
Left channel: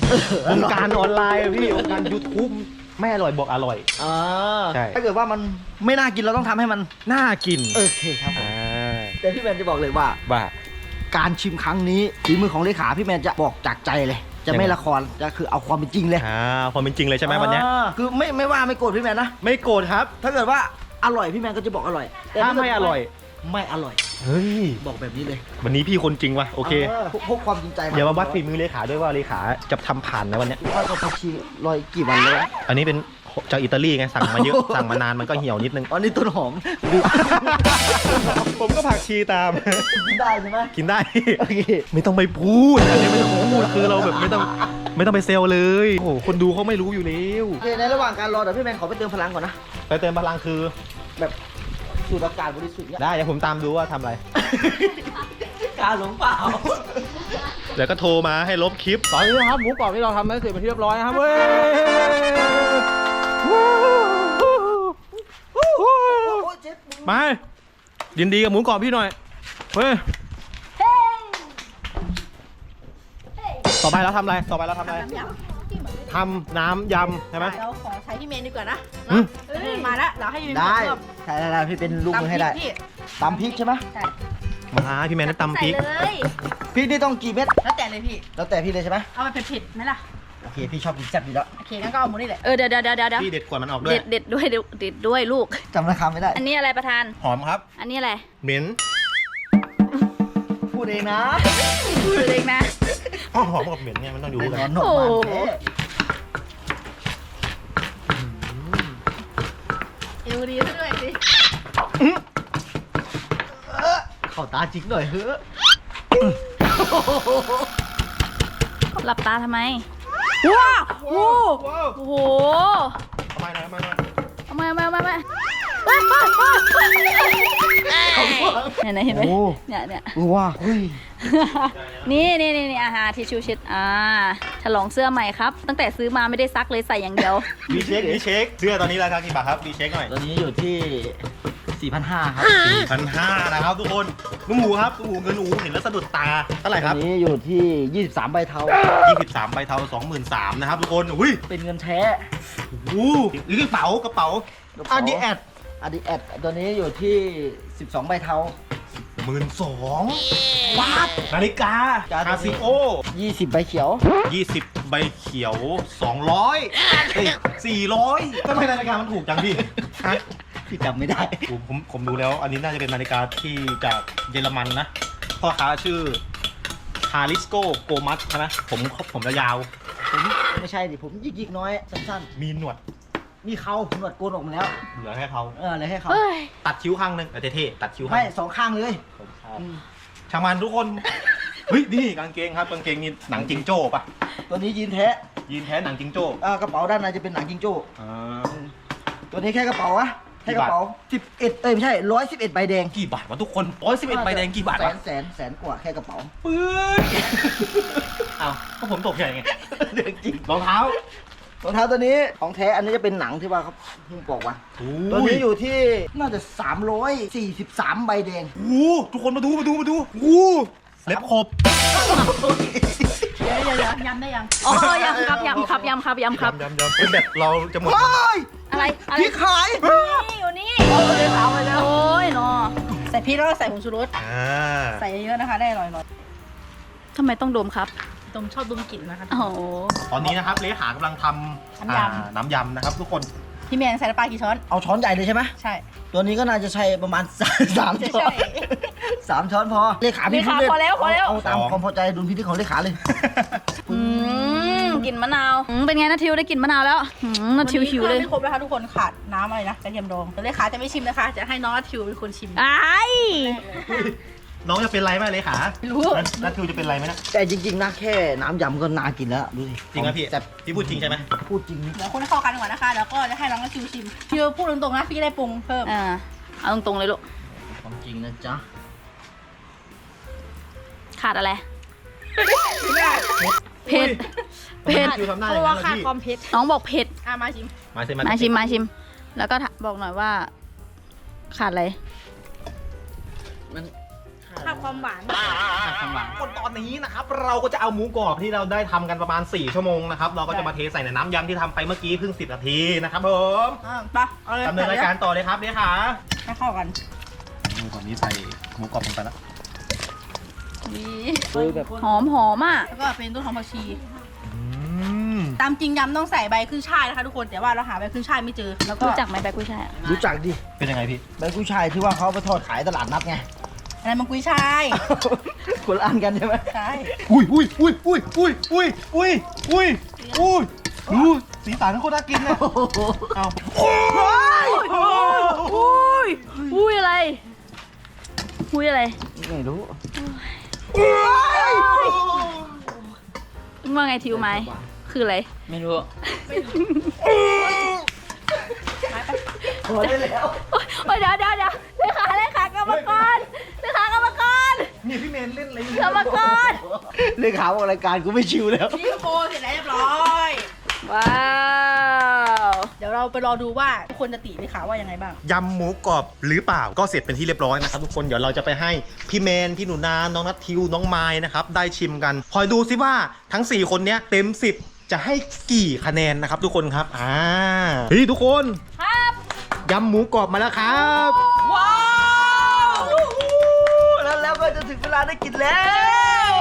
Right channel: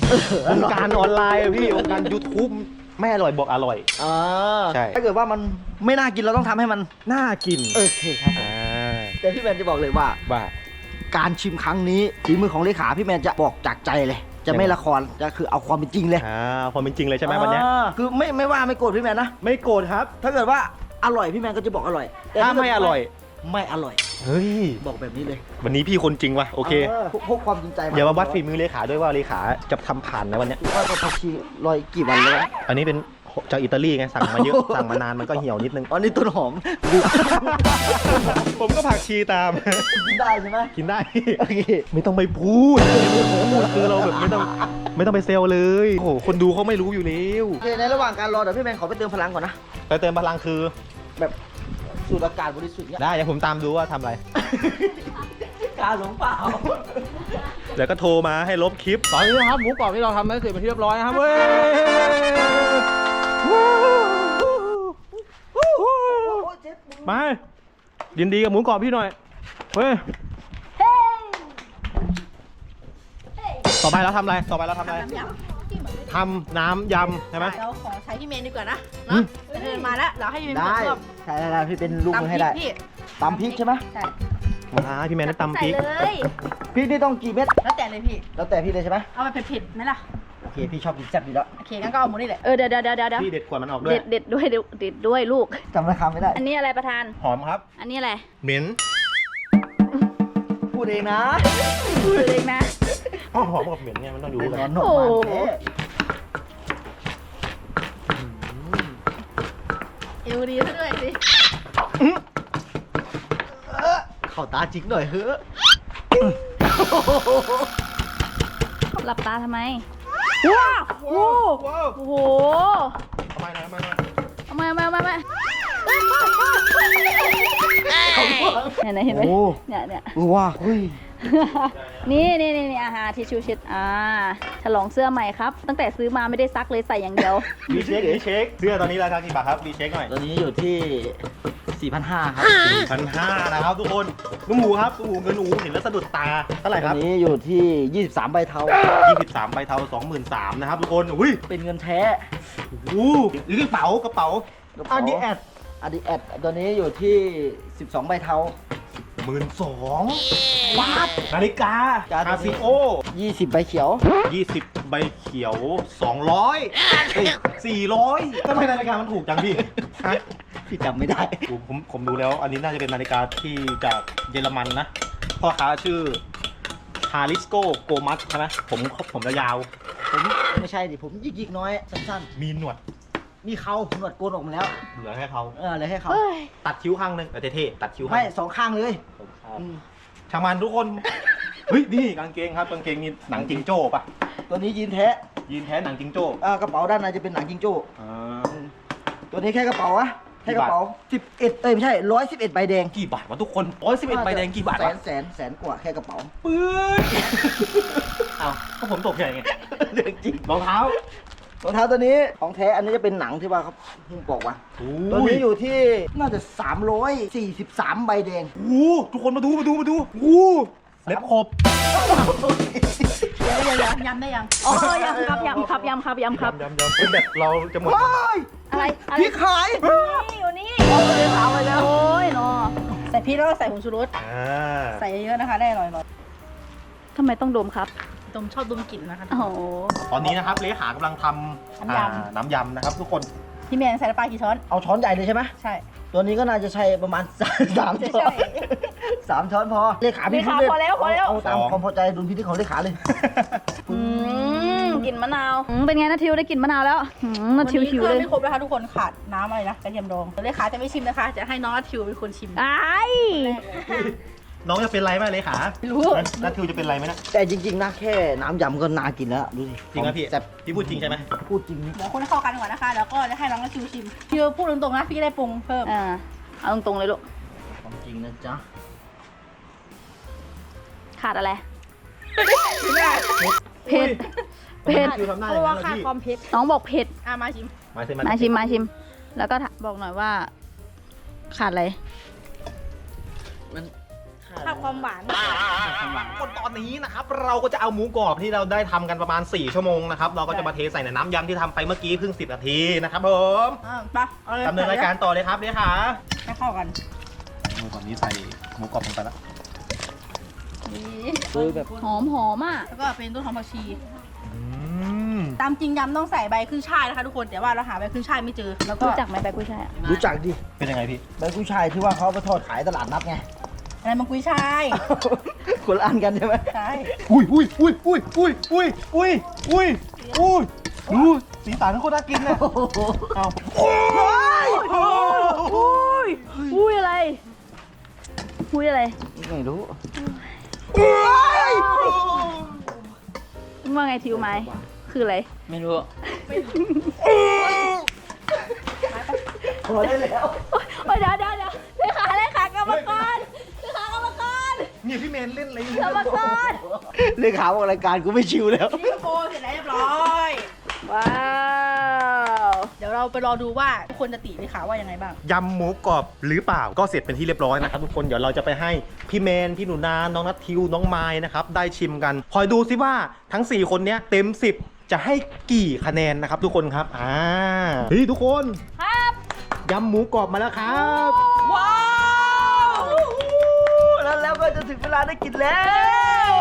วงการออนไลน์อะพี่วงการยูทูบ ไม่อร่อยบอกอร่อย อ่าใช่ ถ้าเกิดว่ามันไม่น่ากินเราต้องทำให้มันน่ากินโอเคครับผมอ่าแต่พี่แมนจะบอกเลยว่า ว่า การชิมครั้งนี้ฝีมือของเลขาพี่แมนจะบอกจากใจเลย จะไม่ละครจะคือเอาความเป็นจริงเลยอ่าความเป็นจริงเลยใช่ไหมวันเนี้ยอ่าคือไม่ไม่ว่าไม่โกรธพี่แมนนะ ไม่โกรธครับ ถ้าเกิดว่าอร่อยพี่แมนก็จะบอกอร่อยแต่ถ้าเกิดไม่อร่อย ไม่อร่อย เฮ้ย บอกแบบนี้เลยวันนี้พี่คนจริงว่ะ โอเคพกพกความจริงใจมาเดี๋ยวมาวัดฝีมือเลขาด้วยว่าเลขาจะทำผ่านในวันเนี้ย ว่าจะพักชีลอยกี่วันแล้ววะอันนี้เป็นจากอิตาลีไงสั่งมาเยอะ สั่งมานานมันก็เหี่ยวนิดนึง อ๋อนี่ต้นหอมดูผมก็ผักชีตาม กินได้ใช่ไหมกินได้ โอเคไม่ต้องไปพูดคือเราแบบไม่ต้องไม่ต้องไปเซลเลย โอ้โหคนดูเขาไม่รู้อยู่แล้ว โอเคในระหว่างการรอเดี๋ยวพี่แมนขอไปเติมพลังก่อนนะ ไปเติมพลังคือ แบบ สูดอากาศบริสุทธิ์เนี่ยได้เดี๋ยวผมตามดูว่าทำอะไร การหลงเปล่า เดี๋ยวก็โทรมาให้ลบคลิป ตอนนี้นะครับหมูกรอบที่เราทำได้เสร็จเป็นที่เรียบร้อยนะครับเว้ยมายินดีกับหมูกรอบพี่หน่อยเว้ยต่อไปเราทำอะไร ต่อไปเราทำอะไรน้ำยำ ทำน้ำยำใช่ไหม เราขอใช้พี่เมนดีกว่านะอืมเนาะเดินมาแล้วเราให้พี่เมนได้เพิ่มใช่ได้ได้พี่เป็นลูกมือให้ได้ตำพริกพี่ตำพริกใช่ไหมใช่มาพี่แมนได้ตำพริก ใส่เลย พริกนี่ต้องกี่เม็ดแล้วแต่เลยพี่ แล้วแต่พี่เลยใช่ไหมเอาไปเผ็ดๆไหมล่ะ โอเคพี่ชอบกินแซ่บอยู่แล้วโอเคงั้นก็เอาหมูนี่แหละ เออเดี๋ยวเดี๋ยวเดี๋ยวเดี๋ยวพี่เด็ดกว่ามันออกด้วเด็ย ดเด็ดด้วยเด็ดเด็ดด้วยลูก จำราคาไม่ได้ อันนี้อะไรประธาน หอมครับ อันนี้อะไรเหม็นพูดเองนะพูดเลยนะ หอมกับเหม็นเนี่ยมันต้องดูเป็นกัน ร้อนหนกมันแท้เอว ดีซะด้วยสิเข้าตาจริงหน่อยเฮ้อะหลับตาทำไม ว้าวโอ้โหโอ้โหทำไมนะทำไมนะเอามามามามา เห็นไหมเห็นไหมโอ้ เนี่ยเนี่ยเออว่าเฮ้ยนี่นี่นี่นี่อาหารทิชชู่เช็ดอ่าฉลองเสื้อใหม่ครับ ตั้งแต่ซื้อมาไม่ได้ซักเลยใส่อย่างเดียว ดีเช็คดีเช็คเสื้อตอนนี้ราคากี่บาทครับดีเช็คหน่อยตอนนี้อยู่ที่ 4,500 ครับพันห้านะครับทุกคนลุงหมูครับลุงหมูเงินหมูเห็นแล้วสะดุดตาเท่าไหร่คตอรันบนี้อยู่ที่ 23 ใบเทา 23ใบเทา23,000นะครับทุกคนอุ้ยเป็นเงินแท้โอ้โหหรือกระเป๋ากระเป๋าอาดีแอดอดีแอดตัวนี้อยู่ที่ 12 ใบเทา หมื่นสองบาทนาฬิกาการ์ดคาซิโอ20ใบเขียว 20 ใบเขียว 200เอ้ย400ทำไมนาฬิกามันถูกจังพี่ฮะพี่จำไม่ได้ ผมผมผมดูแล้ว อันนี้น่าจะเป็นนาฬิกาที่จากเยอรมันนะ พ่อค้าชื่อฮาริสโกโกมัสใช่ไหมผมผมยาวผมไม่ใช่ดิ ผมยิกๆน้อย สั้นๆ มีหนวดๆ มีเขาหนวดโกนออกมาแล้ว เหลือให้เขาเออเลยให้เขาเฮ้ยตัดคิ้วข้างหนึงแต่เท่ๆตัดคิ้วข้างไม่หนึ่งสองข้างเลยผมชอบอืมช่างมันทุกคนเฮ้ยนี่กางเกงครับกางเกงนี่หนังจิงโจ้ปะตัวนี้ยีนแท้ยีนแท้หนังจิงโจ้อ่ากระเป๋าด้านในจะเป็นหนังจิงโจ้อ่า ตัวนี้แค่กระเป๋าอะกี่แค่กบาทระเป๋า11เอ้ยไม่ใช่111ใบแดงกี่บาทวะทุกคนร้อยสิบเอ็ดใบแดงกี่บาทแสวะนแสนแสนกว่าแค่กระเป๋าปื๊ดอ้าวก็ผมตกใจไง เรื่องจริงรองเท้า รองเท้าตัวนี้ของแท้อันนี้จะเป็นหนังที่ว่าเขาเพิ่งบอกว่าโอ้ตัวนี้อยู่ที่น่าจะ 343 ใบแดงโอ้ทุกคนมาดูมาดูมาดูโอ้เล็บขบเดี๋ยวเดี๋ยวเดี๋ยวยำได้ยังอ๋อยำครับยำครับยำครับยำครับยำยำเป็นแบบเราจะหมดเฮ้ยอะไรอะไรพี่ขายนี่อยู่นี่โอ้ยเนาะใส่พริกแล้วก็ใส่ผงชูรสอ่าใส่เยอะๆนะคะได้อร่อยทำไมต้องดมครับๆ ตรงชอบดมกลิ่นนะคะโอ้โห ตอนนี้นะครับเลขากำลังทำน้ำยำ อ่าน้ำยำนะครับ ทุกคนพี่เมนใส่น้ำปลากี่ช้อน เอาช้อนใหญ่เลยใช่ไหมใช่ ตัวนี้ก็น่าจะใช้ประมาณ สามสามใช่ช้อใช่นสามช้อนพอเลขาพี่เลขาพูดเล่นพอแล้วพอแล้ว เอาตามความพอใจดุลพินิจของเลขาเลย อืมกลิ่นมะนาวอืมเป็นไงนะทิวได้กลิ่นมะนาวแล้วอืมนาทิวหิวเลยไม่ครบนะคะทุกคนขาดน้ำอะไรนะกระเทียมดองเดี๋ยวเลขาจะไม่ชิมนะคะ จะให้น้องนัททิวเป็นคนชิม ไอ้าย น้องจะเป็นไรไหมเลขาไม่รู้ นัทนัททิวจะเป็นไรไหมนะแต่จริงๆนะแค่น้ำยำก็น่ากินแล้วดูสิจริงไหมพี่แต่พี่พูดจริงใช่ไหมพูดจริงเดี๋ยวคนให้เข้ากันก่อนนะคะแล้วก็จะให้น้องนัททิวชิมทิวพูดตรงๆนะพี่ได้ปรุงเพิ่มอ่าเอาตรงๆเลยลูกของจริงนะจ๊ะขาดอะไรเผ็ดเผ็ดทิวทำหน้าเพอย่าราะงว่านั้นขาดเลยความเผ็ดน้องบอกเผ็ดอะมาชิม มาสิมาชิมมาชิม แล้วก็ถบอกหน่อยว่า ขาดอะไรมัน ขาดความหวานคนตอนนี้นะครับ เราก็จะเอาหมูกรอบที่เราได้ทำกันประมาณ 4 ชั่วโมงนะครับ เราก็จะมาเทใส่ในน้ำยำที่ทำไปเมื่อกี้เพิ่ง 10 นาทีนะครับผมอะไปเอาเลยดำเนินรายการต่อเลยครับเลขาให้เข้ากันหมูกรอบนี้ใส่หมูกรอบลงไปแล้วนี่โดยแบบหอมหอมอะ แล้วก็เป็นต้นหอมผักชีอืมตามจริงยำต้องใส่ใบขึ้นช่ายนะคะทุกคนแต่ว่าเราหาใบขึ้นช่ายไม่เจอ แล้วก็รู้จักไหมใบกุ้ยช่ายอะ รู้จักดิ เป็นยังไงพี่ ใบกุ้ยช่ายที่ว่าเขาเอาไปทอดขายตลาดนัดไง อะไรมันกุ้ยช่าย คนละอันกันใช่ไหมใช่ อุ้ยอุ้ยอุ้ยอุ้ยอุ้ยอุ้ยอุ้ยอุ้ยอุ้ยดูสีสันโคตรน่ากินเลยเอาอุ้ยอุ้ยอะไรอุ้ยอะไร ไม่รู้ว่าไงทิวไหมคืออะไร ไม่รู้พอได้แล้ว โอ้ยเดี๋ยวเดี๋ยวเดี๋ยวเลขาเลขากรรมกรเลขากรรมกร เนี่ยพี่เมนเล่นอะไรกรรมกรเรื่องข่าวรายการกูไม่ชิวแล้ว นี่โปเสร็จแล้วเรียบร้อย ว้าว เดี๋ยวเราไปรอดูว่าทุกคนจะติเลยค่ะว่ายังไงบ้าง ยำหมูกรอบหรือเปล่าก็เสร็จเป็นที่เรียบร้อยนะครับทุกคนเดี๋ยวเราจะไปให้พี่เมนพี่หนูนาน้องนัททิวน้องไม้นะครับได้ชิมกันคอยดูซิว่าทั้ง 4 คนเนี้ยเต็ม 10 จะให้กี่คะแนนนะครับทุกคนครับอ่าเฮ้ยทุกคนครับยำหมูกรอบมาแล้วครับ ว้าวแล้ว ก็จะถึงเวลาได้กินแล้ว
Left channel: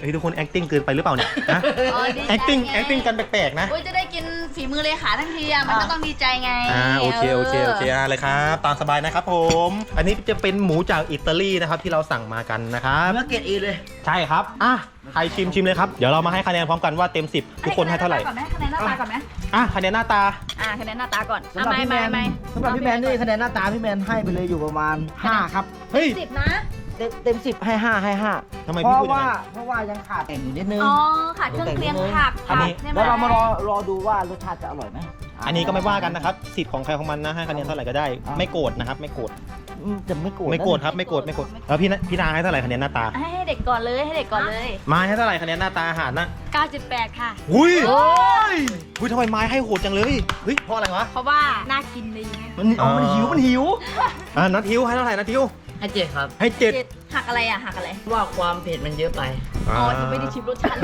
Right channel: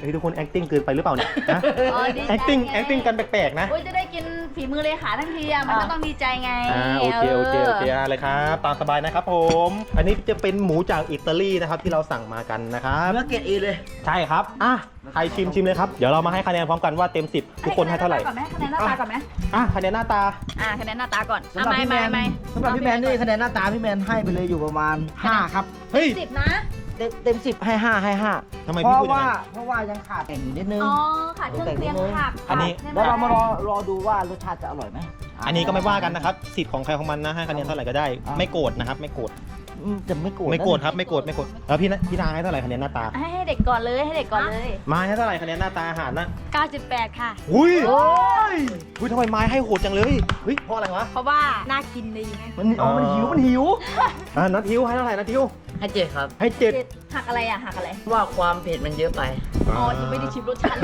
เฮ้ยทุกคน acting เกินไปหรือเปล่าเนี่ยนะอ๋อดีใจ acting ไง acting กันแปลกๆนะโอ้ยจะได้กินฝีมือเลขาทั้งทีอะมันก็ต้องดีใจไงอ่าโอเคโอเคโอเคอ่าเลยครับตามสบายนะครับผม อันนี้จะเป็นหมูจากอิตาลีนะครับที่เราสั่งมากันนะครับเนื้อเกรดเอเลย ใช่ครับอะใครชิมชิมเลยครับเดี๋ยวเรามาให้คะแนนพร้อมกันว่าเต็ม 10 ทุกคนให้เท่าไหร่ก่อนไหมคะแนนหน้าตาก่อนไหมอะคะแนนหน้าตา อ่าคะแนนหน้าตาก่อนสำหรับอะพี่แมนไม่สำหรับพี่แมนนี่คะแนนหน้าตาพี่แมนให้ไปเลยอยู่ประมาณ 5 ครับเฮ้ย สิบนะ เต็มเต็ม10ให้5ให้5ทำไมเพพี่ราะพูดอย่างว่านั้นเพราะว่ายังขาดแต่งอยู่นิดนึง อ๋อขาดเครื่องเคียงผักอันนี้ใช่ไหแล้วเรามารอรอดูว่ารสชาติจะอร่อยไหม อันนี้ก็ไม่ว่ากันนะครับสิทธิ์ของใครของมันนะให้คะแนนเท่าไหร่ก็ได้อะไม่โกรธนะครับ ไม่โกรธอืม จะไม่โกรธไม่โกรธครับไม่โกรธไม่โกรธแล้วพี่นะพี่นาให้เท่าไหร่คะแนนหน้าตา ให้เด็กก่อนเลยให้เด็กก่อนเลย ไม้ให้เท่าไหร่คะแนนหน้าตาอาหารนะ9.8 ค่ะอุ้ยอุ้ยทำไมไม้ให้โหดจังเลยเฮ้ยเพราะอะไรวะเพราะว่าน่ากินดีไงมันเอามันหิวมันหิวอ่านัททิวให้เท่าไหร่นัททิวให้เจ็ดครับ ให้เจ็ดเจ็ดหักอะไรอะหักอะไร ว่าความเผ็ดมันเยอะไป อ๋อยังไม่ได้ชิมรสชาติ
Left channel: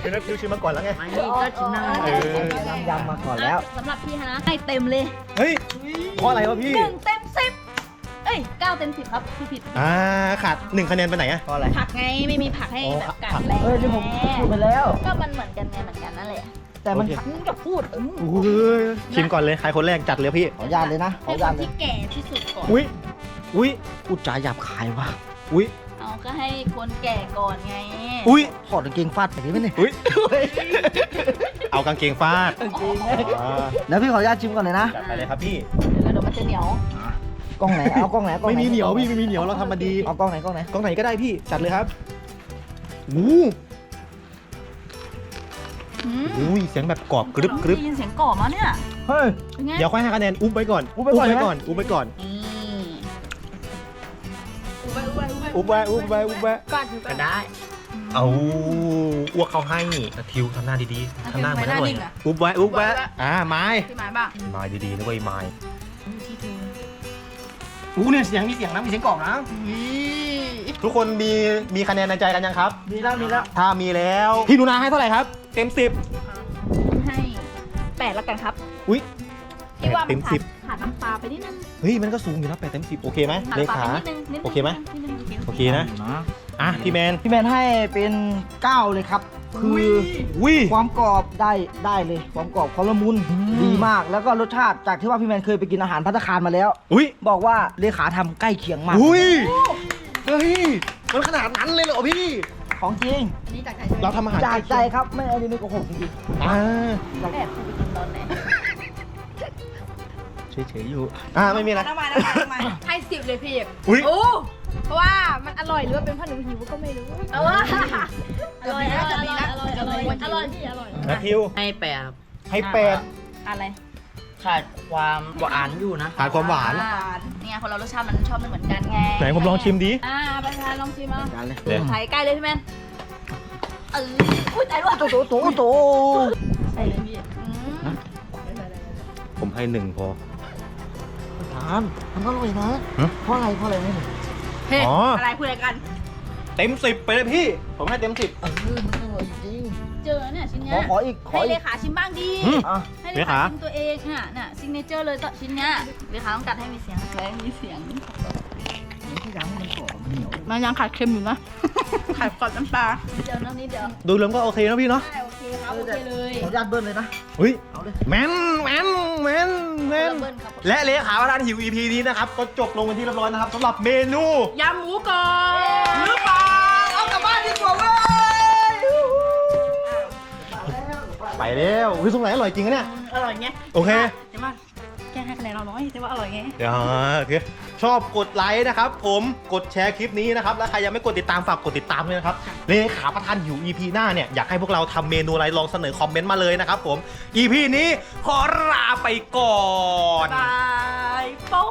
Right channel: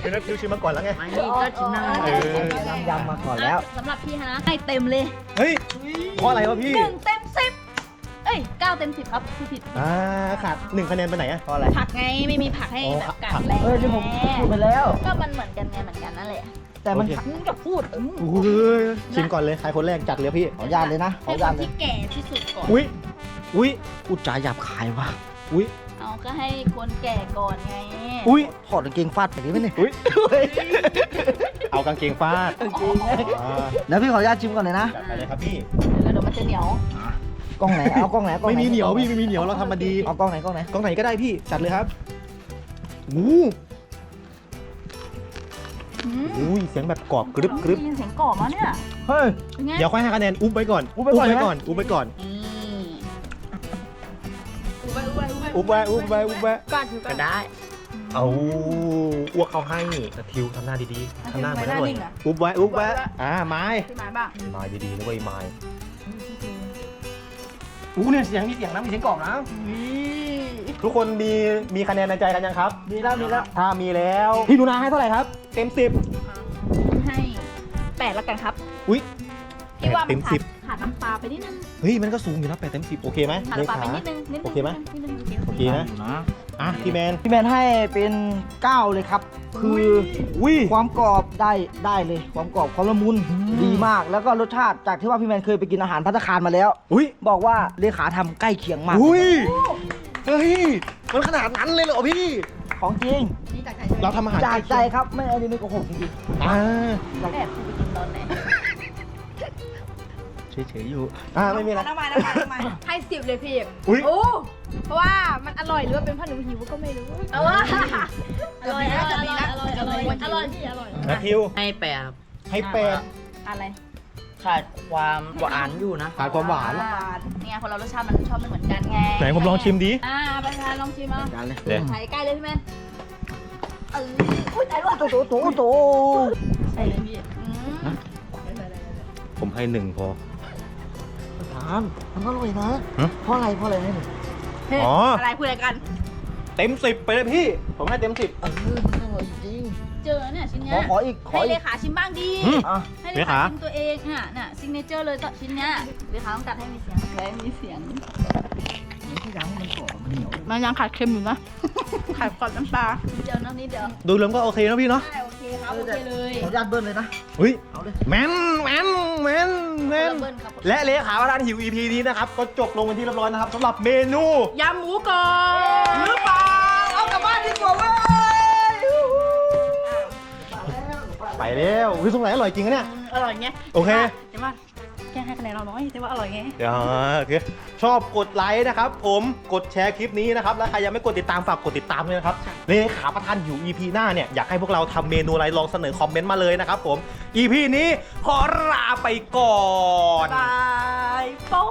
เป็นนัททิวชิมมาก่อนแล้วไงไม่ก็ชิมหน้าเออน้ำยำมาก่อนแล้วสำหรับพี่ฮะให้เต็มเลยเฮ้ยเพราะอะไรวะพี่หนึ่งเต็มสิบเอ้ยเก้าเต็มสิบครับพี่ผิดอ่าขาดหนึ่งคะแนนไปไหนอะเพราะอะไร ผักไงไม่มีผักให้อ๋อแบบกัดผักแรงเออที่ผมพูดไปแล้ว ก็มันเหมือนกันไงเหมือนกันนั่นแหละแต่มันโอเคมึงจะพูดอืมอุ้ยชิมก่อนเลยใครคนแรกจัดเลยพี่ ขออนุญาตเลยนะขอให้อนุคญาตนเลยที่แก่ที่สุดก่อน อุ้ยอุ้ยพูดจาหยาบคายว่ะอุ้ย เอาก็ให้คนแก่ก่อนไงอุ้ย ถอดกางเกงฟาดแบบนี้ไหมเนี่ยอุ้ย เอากางเกงฟาดกางเกงอ่าแล้วพี่ขออนุญาตชิมก่อนเลยนะ จัดไปเลยครับพี่ แล้วเดี๋ยวมันจะเหนียว กล้องไหนเอากล้องไหนกล้องไม่ไหนมีเหนียวพี่ไม่มีเหนียวเราทำมาดีเอากล้องไหนกล้องไหนกล้องไหนก็ได้พี่จัดเลยครับอู้อืมอุ้ยเสียงแบบกรอบกรึบกรึบได้ยินเสียงกรอบมาเนี่ยเฮ้ย เป็นไงเดี๋ยวค่อยให้คะแนนอุ้มไว้ก่อนอุ๊บไว้ก่อนนะก่อนอุ้มไว้ก่อนนี่อุ้มไว้อุ้มไว้อุ้มไว้ก่อนถือก่ก็อนได้ เอาอ้วกเขาให้นาทิวทำหน้าดีๆทำหน้าเหมือนอร่อยทำไมหน้านิ่งอะอุ้มไว้อุ้มไว้อ่าไม้พี่หมายบ้างไม้ดีๆนะเว้ยไม้ อู้เนี่ยเสียงมีเสียงนะมีเสียงกรอบนะทุกคนมีมีคะแนนในใจกันยังครับ มีแล้วมีแล้วถ้ามีแล้วพี่หนูนาให้เท่าไหร่ครับ เต็มสิบให้แปดแล้วกันครับอุ้ยพี่ว่าเต็มันมขาสิดบขาดน้ำปลาไปนิดนึงเฮ้ยมันก็สูงอยู่นะแปดเต็มสิบโอเคไหมขาดเลน้ำปลาขาไปนิดนึงนิดนึงโอเคไหมนิดนึงนิดนึงโอเค นะ อะพี่แมน พี่แมนให้เป็น9เลยครับ คืออุ้ยความกรอบได้ได้เลย ความกรอบความละมุนดีมากแล้วก็รสชาติจากที่ว่าพี่แมนเคยไปกินอาหารพัตตาคารมาแล้วอุ้ยบอกว่าเลขาทำใกล้เคียงมาก อุ้ยเฮ้ยมันขนาดนั้นเลยเหรอพี่ ของจริง นี่จากใจใช่ไหมเราทำอาหารจากใจครับไม่อันนี้ไม่โกหกจริงอ่าแอบกูไปกินตอนไหนเฉยๆอยู่ อ่าไม่มีอะไรน้ำมันน้ำมันน้ำมันให้สิบเลยพี่อุ้ย โอ้ เพราะว่ามันอร่อยหรือว่าเป็นเพราะหนูหิวก็ไม่รู้เอออร่อยอร่อยอร่อยอร่อยอร่อยอร่อยพี่อร่อยนาทิวให้แปดครับให้แปดอะไรขาดความหวานอยู่นะขาดความหวานเนี่ยคนเรารสชาติมันชอบไม่เหมือนกันไงไหนผมลองชิมดิอ่าไปทานลองชิมเอากันเลยเดี๋ยวไข่ใกล้เลยพี่แมนเอออุ้ยใจร้อนโตโตโตโตใส่เลยพี่อืมผมให้หนึ่งพอทานมันอร่อยนะฮะเพราะอะไรเพราะอะไรให้หนึ่ง เฮ้ยอ๋ออ อะไรพูดอะไรกัน เต็มสิบไปเลยพี่ ผมให้เต็มสิบ เออมันอร่อยจริง เจอเนี่ยชิ้นขเนี้อยขออีกขอให้อีเลกขาชิมบ้างดี อืม อะให้เลเลขาขาชิมตัวเองน่ะน่ะซิกเนเจอร์เลยต่อชิ้นเนี้ยเลขาต้องกัดให้มีเสียงให้มีเสียง ที่ยังมันกรอบมันเหนียวมันยังขาดเค็มอยู่นะ ขาดกรอบน้ำปลานิดเดียวนะนิดเดียวดูรวมก็โอเคนะพี่เนาะได้โอเคครับโอเคเลย ขออนุญาตเบิ้ลเลยนะ เฮ้ย เอาเลย แมนแมนแมน แมนเบิ้ลครับและเลขาประธานหิว EP นี้นะครับ ก็จบลงเป็นที่เรียบร้อยนะครับสำหรับเมนู ยำหมูกรอบหรือเปล่าเอากลับบ้านดีกว่าเว้ยไปแล้วเฮ้ยตรงไหนอร่อยจริงอะเนี่ย อร่อยไงโอเค เดี๋ยวมา แค่ให้คะแนนเราน้อยแต่ว่าอร่อยไงเดี๋ยวโอเคชอบกดไลค์นะครับ ผมกดแชร์คลิปนี้นะครับ แล้วใครยังไม่กดติดตามฝากกดติดตามด้วยนะครับเลขาประธานหิว EP หน้าเนี่ย อยากให้พวกเราทำเมนูอะไรลองเสนอคอมเมนต์มาเลยนะครับผม EP นี้ขอลาไปก่อน บายโป๊ะ